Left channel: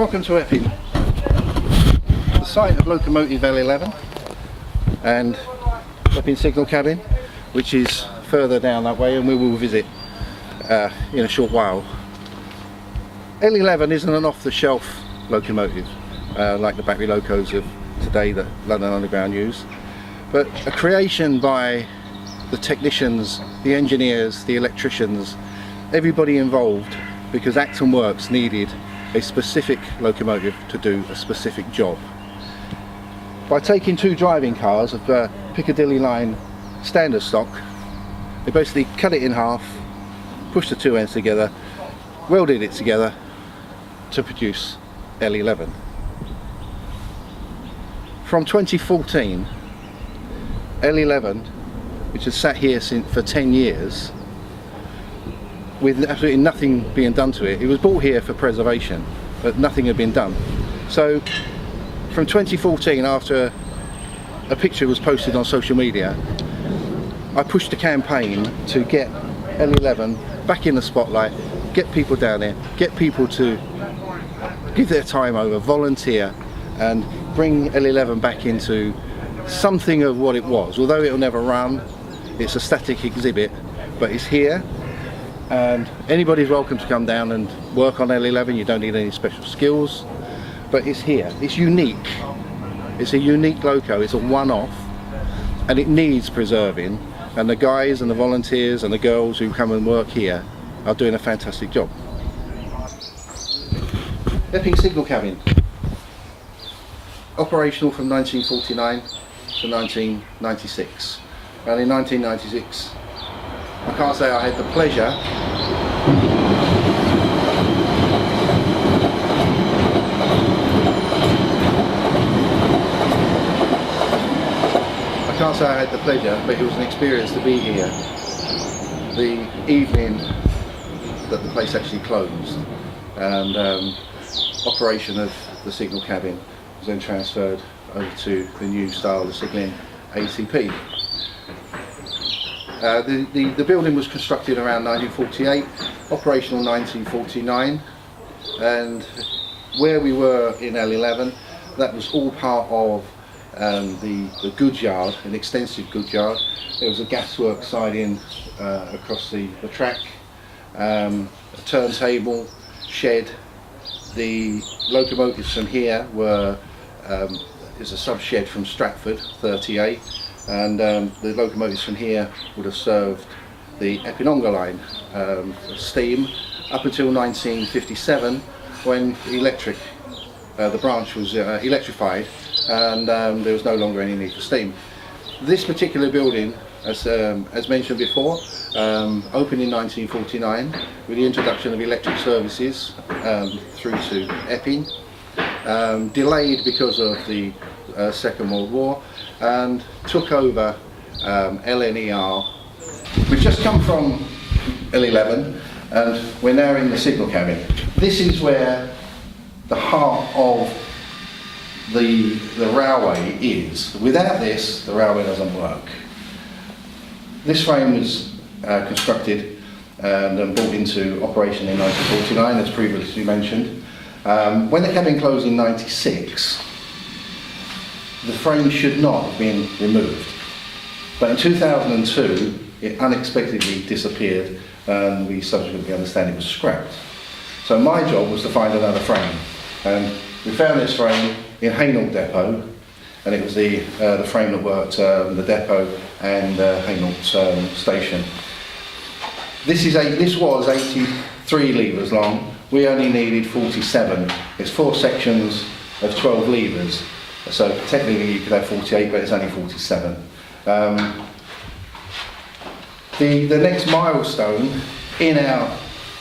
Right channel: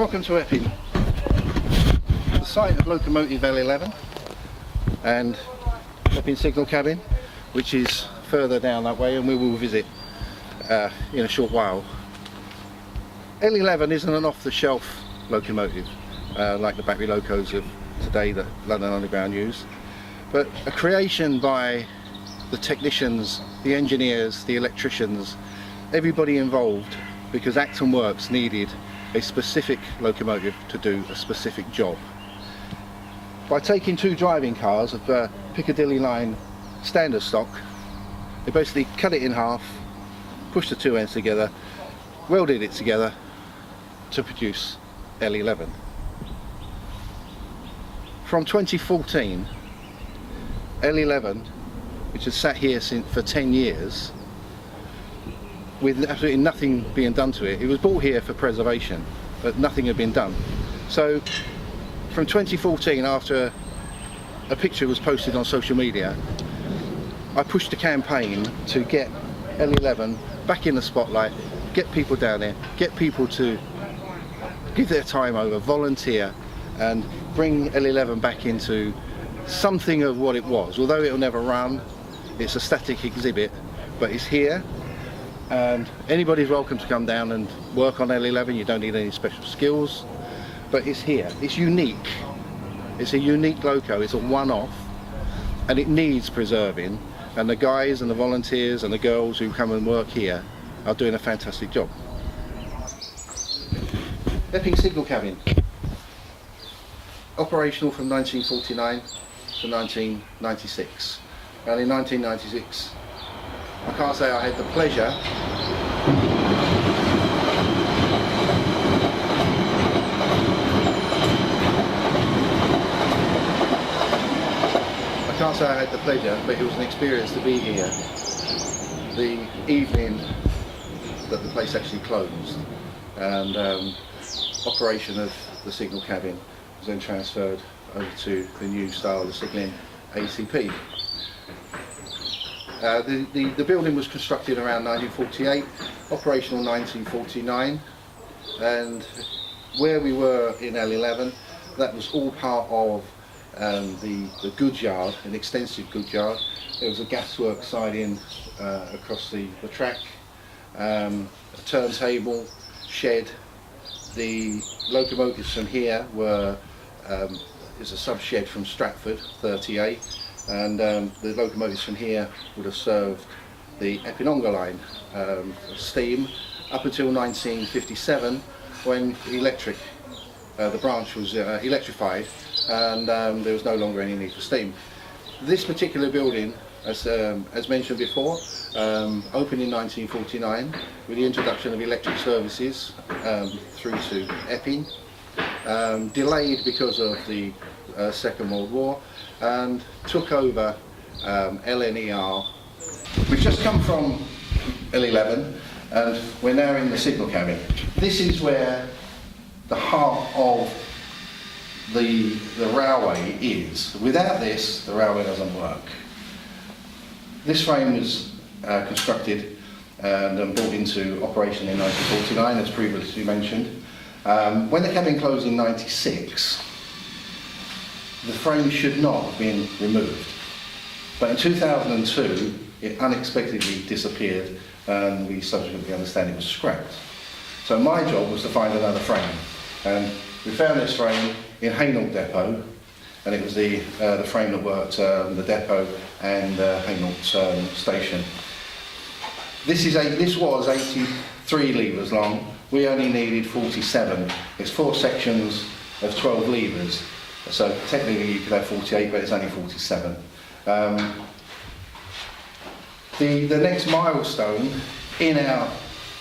Welcome to Epping, the site of Locomotive L11 and Epping signal cabin, which is further down that way, and we will visit in a short while. L11 isn't an off-the-shelf locomotive like the battery locos of today that London Underground use, but a creation by the technicians, the engineers, the electricians, everybody involved, because Acton Works needed a specific locomotive to do a specific job. By taking two driving cars of the Piccadilly line standard stock, they basically cut it in half, pushed the two ends together, welded it together to produce L11. From 2014, L11, which has sat here for 10 years, with absolutely nothing being done to it. It was brought here for preservation, but nothing had been done. So from 2014, after a picture was posted on social media, I pushed a campaign to get L11 back in the spotlight, get people down there, get people to give their time over, volunteer, and bring L11 back into something of what it was. Although it will never run, it's a static exhibit, but it's here. And anybody's welcome to come down and work on L11. You don't need any special skills, but it's here. It's unique. It's a unique loco. It's a one-off, and it needs preserving. And the guys and the volunteers and the girls who come and work here are doing a fantastic job. Epping signal cabin, operational from 1949 to 1996, and in 1996. I can't say I had the pleasure but it was an experience to be here. The evening that the place actually closed, and operation of the signal cabin was then transferred over to the new style of signalling, ACP. The building was constructed around 1948, operational 1949, and where we were in L11, that was all part of the goods yard, an extensive goods yard. There was a gaswork siding across the track, a turntable, shed. The locomotives from here were, there's a sub-shed from Stratford, 38. And the locomotives from here would have served the Epping line steam up until 1957, when the branch was electrified, and there was no longer any need for steam. This particular building, as mentioned before, opened in 1949 with the introduction of electric services through to Epping, delayed because of the Second World War, and took over LNER. We've just come from L11 and we're now in the signal cabin. This is where the heart of the railway is. Without this, the railway doesn't work. This frame was constructed and brought into operation in 1949, as previously mentioned. When the cabin closed in 96, the frame should not have been removed. But in 2002, it unexpectedly disappeared, and we subsequently understand it was scrapped. So my job was to find another frame, and we found this frame in Hainault Depot, and it was the frame that worked the depot and Hainault station. This was 83 levers long. We only needed 47. It's 4 sections of 12 levers. So technically you could have 48, but it's only 47. The next milestone in our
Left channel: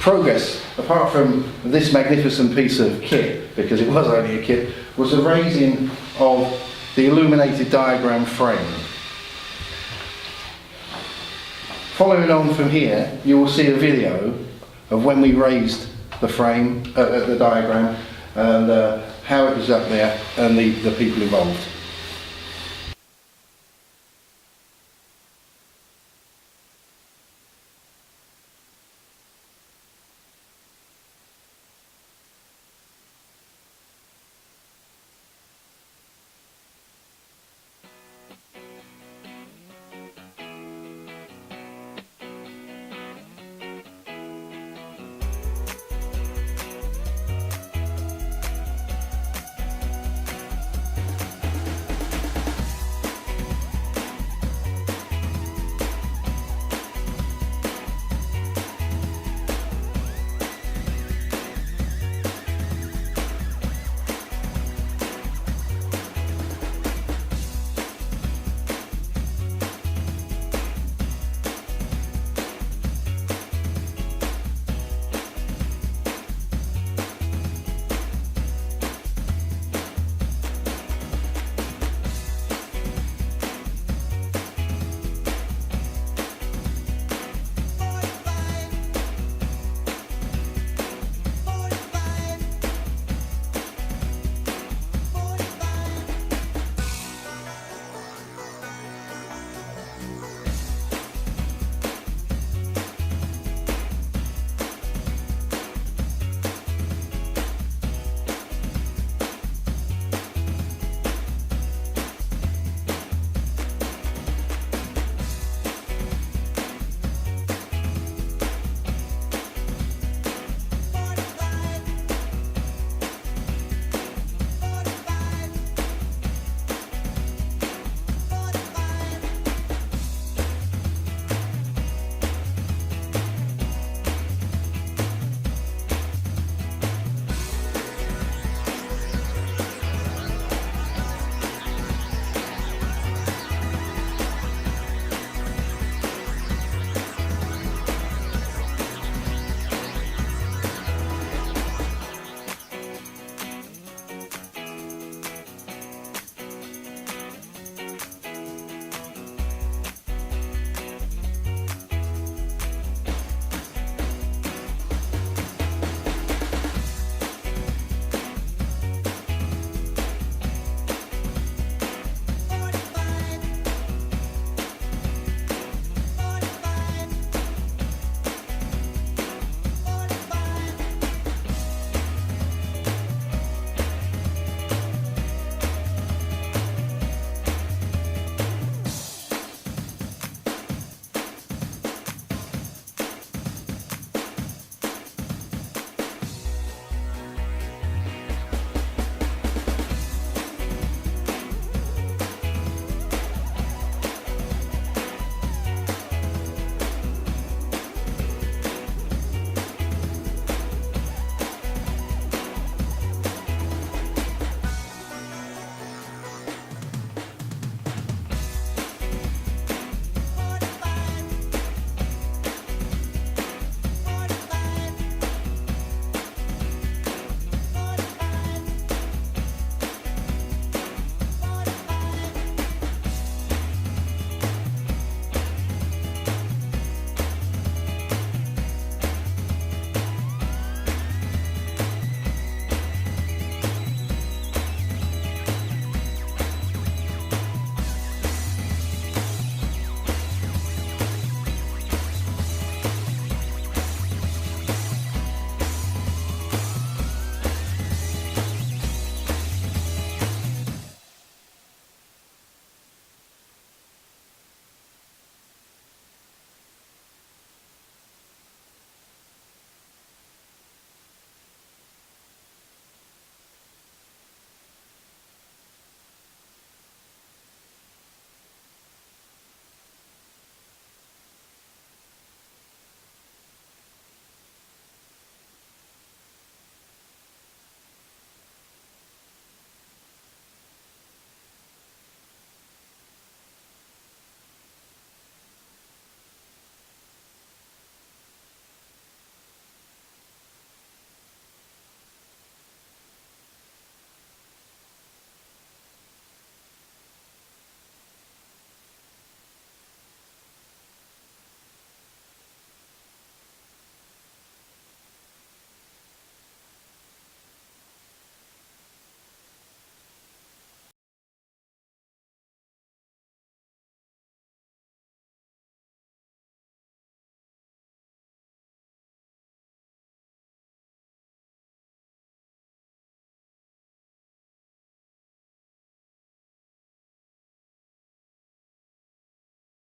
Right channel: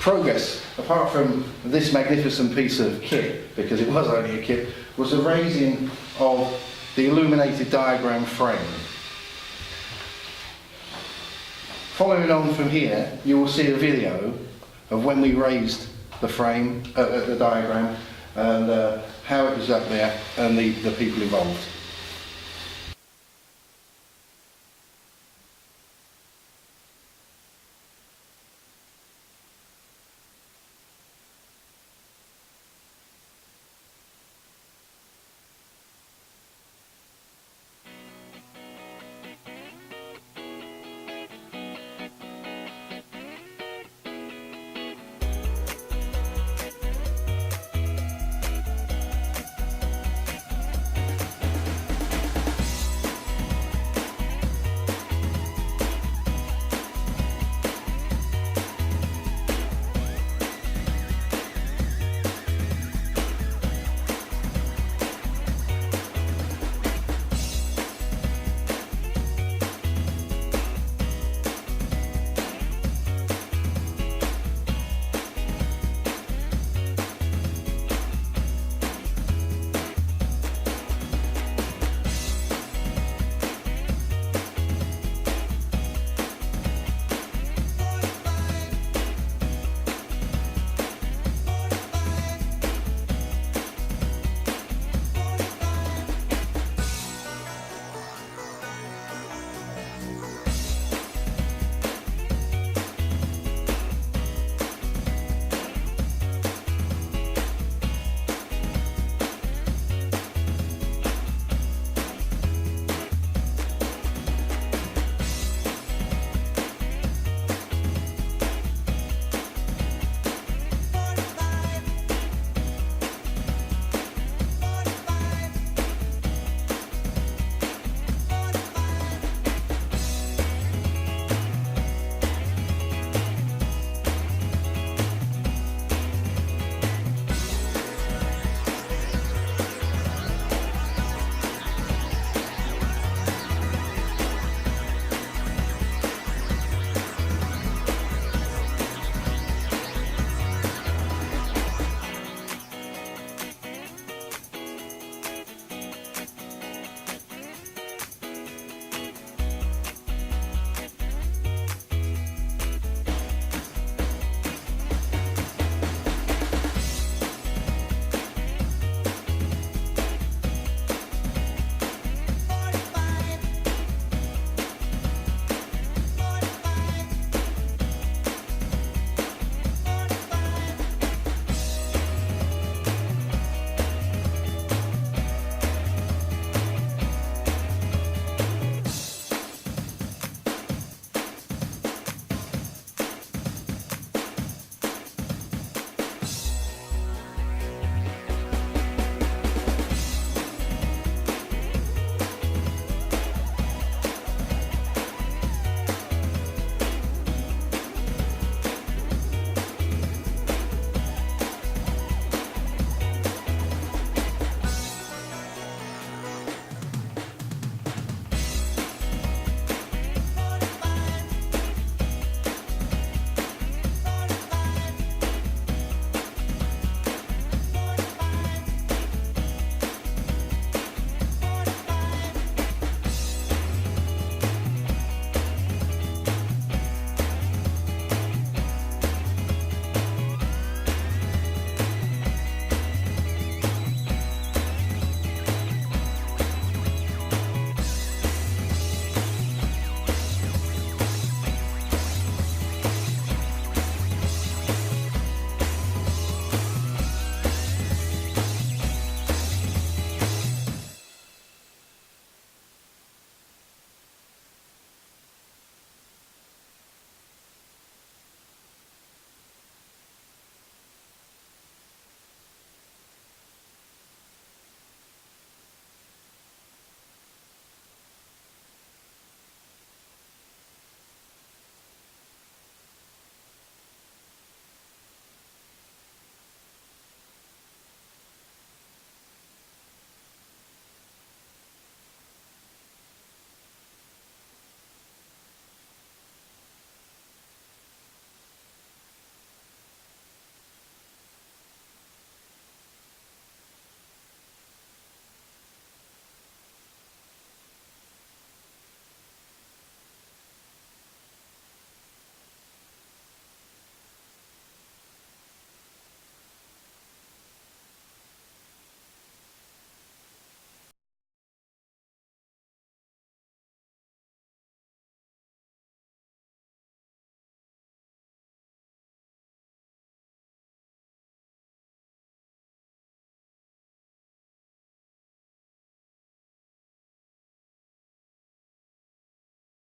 progress, apart from this magnificent piece of kit, because it was only a kit, was the raising of the illuminated diagram frame. Following on from here, you will see a video of when we raised the frame, the diagram, and how it was up there, and the people involved.